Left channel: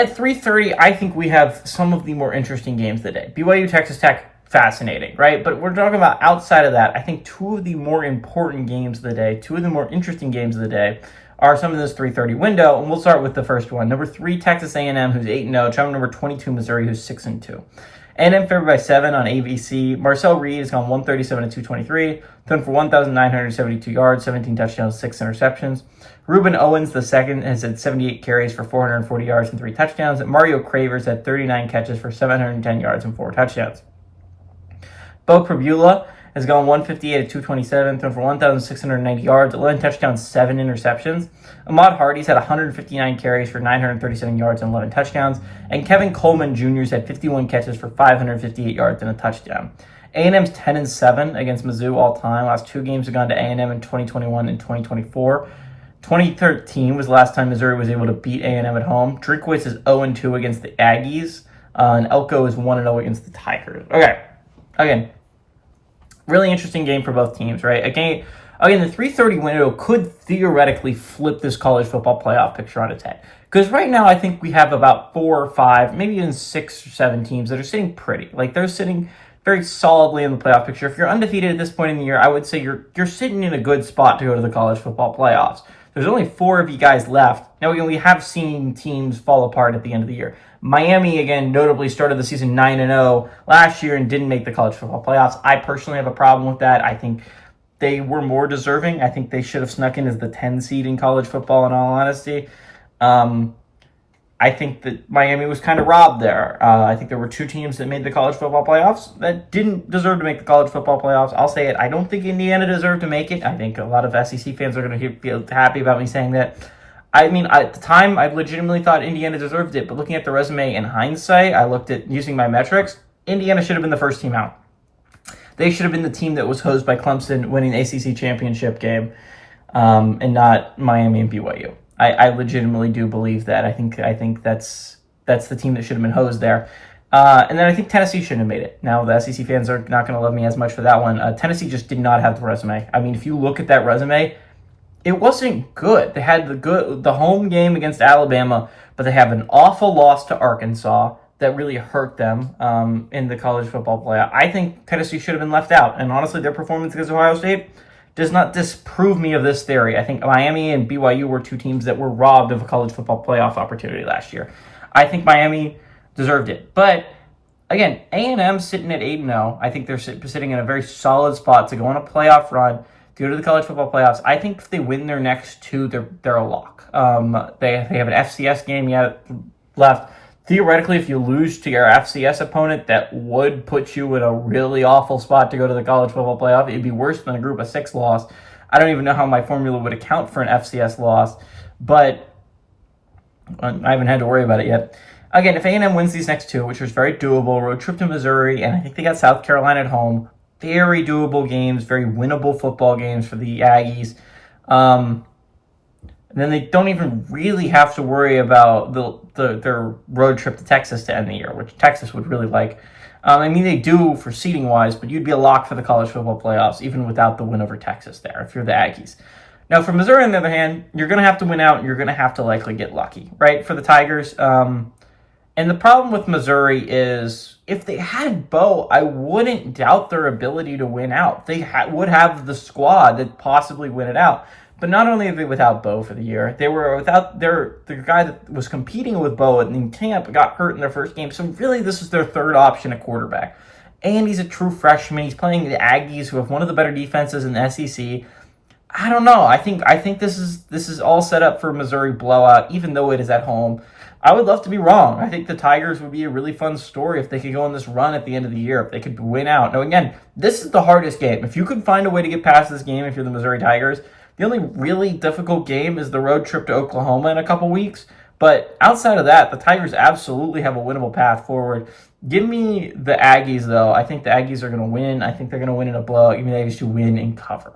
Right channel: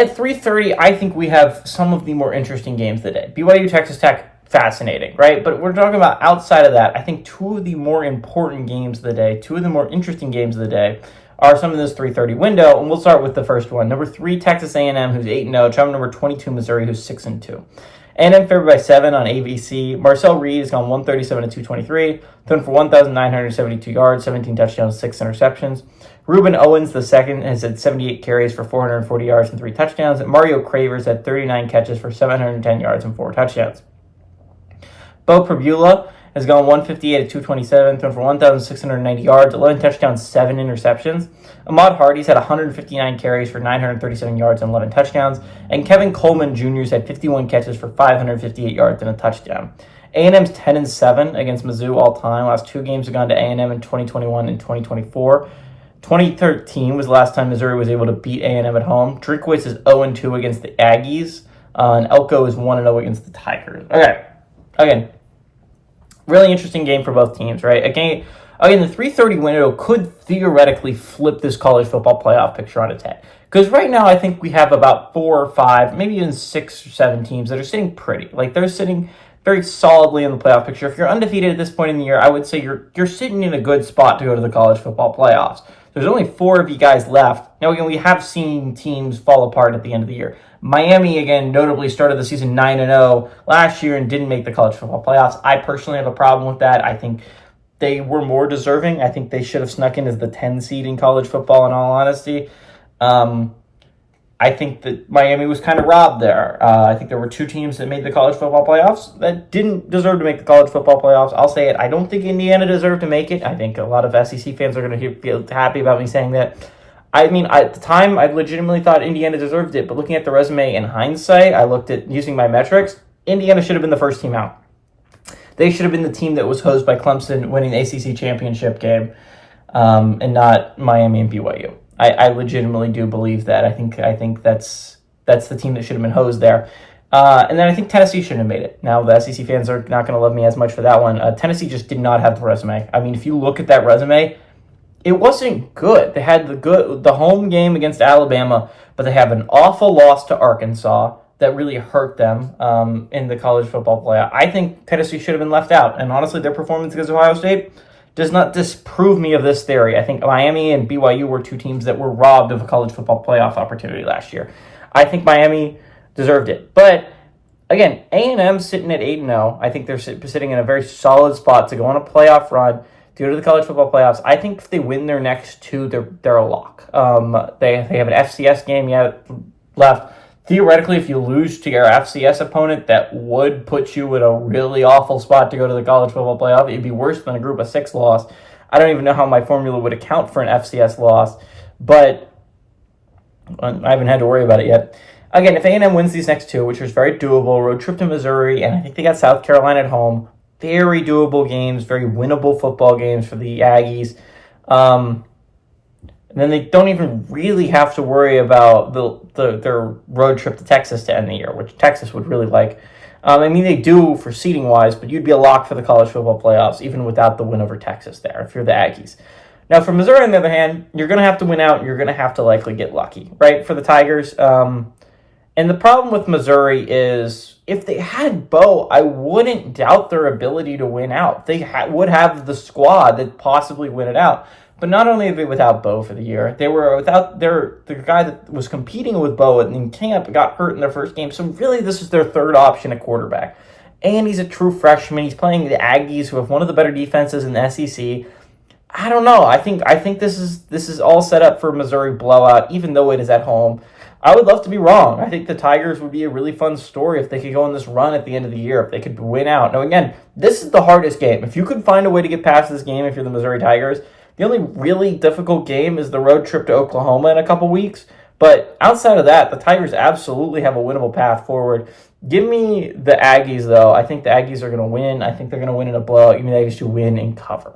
At 3:30, I think we have some of the more interesting games of the day. BYU, Texas Tech, fascinating, right? But we're talking about outside of that. I think two of the more important games of the day, two of the more interesting games of the day, are some in this 3:30 window, and we'll start with the first one. Number 3, Texas A&M, who's 8-0. Traveling number 22, Missouri, who's 6-2. A&M favored by 7 on ABC. Marcel Reed has gone 137 to 223, thrown for 1,972 yards, 17 touchdowns, 6 interceptions. Ruben Owens, the second, has had 78 carries for 440 yards and 3 touchdowns. And Mario Cravers had 39 catches for 710 yards and 4 touchdowns. Bo Prabula has gone 158 to 227, thrown for 1,690 yards, 11 touchdowns, 7 interceptions. Ahmad Hardy's had 159 carries for 937 yards and 11 touchdowns. And Kevin Coleman Jr.'s had 51 catches for 558 yards and a touchdown. A&M's 10-7 against Mizzou all time. Last 2 games have gone to A&M in 2021 and 2024. 2013 was the last time Missouri was able to beat A&M at home. Drinkwitz is 0-2 against the Aggies, and Elko is 1-0 against the Tigers. Okay, again, really interesting game for both teams, right? Again, the 3:30 window could theoretically flip this college football playoff picture on its head. Because right now, I think we have about 4 or 5, maybe even 6 or 7 teams that are sitting pretty. Like, they're sitting very solidly in the playoff picture. If you're undefeated at this point in the year, I would say you're sitting in a good spot to go to the college football playoffs. There's only 4 of you guys left. Now, again, we have seen teams fall apart at the end of the year. Miami, again, notably started the season 9-0 last year and didn't make the college football playoffs. I personally have a problem with that. I think they were more deserving. I think they should have snuck in as the 10 seed in college football, in all honesty. I think that Miami was kind of robbed there. I think there were 2 teams that made the college football playoffs that didn't deserve to make the college football playoffs. I'll say it. I don't think Indiana deserved to make it. I think a lot of SEC fans are going to feel happy about me saying that. I mean, at the time, I legitimately thought Indiana deserved it. But looking at the resume in hindsight, I looked at using my metrics. Indiana should have been the first team out. They should have been the team that was hosed by Clemson winning the ACC championship game, and not Miami and BYU. I legitimately do believe that. I think that's the team that should have been hosed there. And then I think Tennessee shouldn't have made it. Now, the SEC fans are not going to love me as much for that one. Tennessee just did not have the resume. I mean, if you look at that resume, it wasn't good. They had the home game against Alabama, but they have an awful loss to Arkansas that really hurt them in the college football playoff. I think Tennessee should have been left out. And honestly, their performance against Ohio State does not disprove me of this theory. I think Miami and BYU were 2 teams that were robbed of a college football playoff opportunity last year. I think Miami deserved it. But, again, A&M sitting at 8-0. I think they're sitting in a very solid spot to go on a playoff run, to go to the college football playoffs. I think if they win their next 2, they're a lock. They have an FCS game left. Theoretically, if you lose to your FCS opponent, that would put you in a really awful spot to go to the college football playoff. It'd be worse than a group of 6 loss. I don't even know how my formula would account for an FCS loss, but I haven't had to worry about it yet. Again, if A&M wins these next 2, which was very doable, road trip to Missouri, and I think they got South Carolina at home, very doable games, very winnable football games for the Aggies. And then they don't even really have to worry about their road trip to Texas to end the year, which Texas would really like. I mean, they do for seeding-wise, but you'd be a lock for the college football playoffs, even without the win over Texas there, if you're the Aggies. Now, for Missouri, on the other hand, you're going to have to win out, and you're going to have to likely get lucky, right, for the Tigers. And the problem with Missouri is, if they had Bo, I wouldn't doubt their ability to win out. They would have the squad that possibly win it out. But not only are they without Bo for the year, they were without the guy that was competing with Bo in camp got hurt in their first game. So really, this is their third option at quarterback. And he's a true freshman. He's playing the Aggies, who have one of the better defenses in the SEC. I don't know. I think this is all set up for Missouri blowout, even though it is at home. I would love to be wrong. I think the Tigers would be a really fun story if they could go on this run at the end of the year, if they could win out. Now, again, this is the hardest game. If you could find a way to get past this game if you're the Missouri Tigers, the only really difficult game is the road trip to Oklahoma in a couple weeks. But outside of that, the Tigers absolutely have a winnable path forward. Give me the Aggies, though. I think the Aggies are going to win. I think they're going to win in a blowout. Give me the Aggies to win and cover.